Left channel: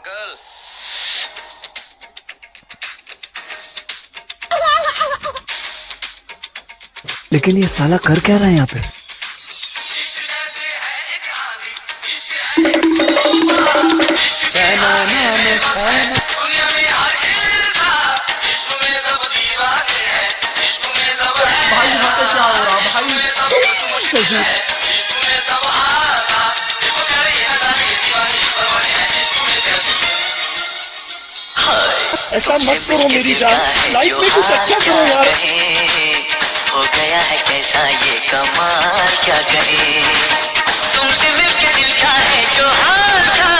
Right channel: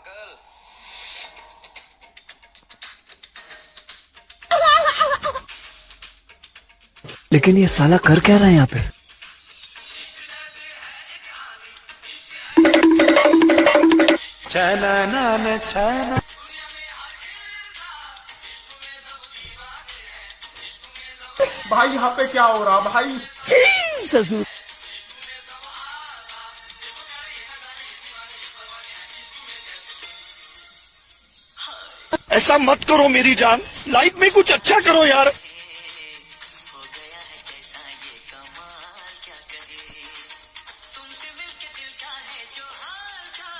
Uncle. लेकिन ये साला कर क्या रहा है यहाँ पे? चैना नाम चैना। भाई यहाँ पे क्या हो रहा भाई? ऐसा मत करो मेरी जान, लाइफ में कुछ अच्छा करो यार। हो गया है कैसा ये कमाल, क्या करें तुमसे मिलके दिल का है जो हाल था।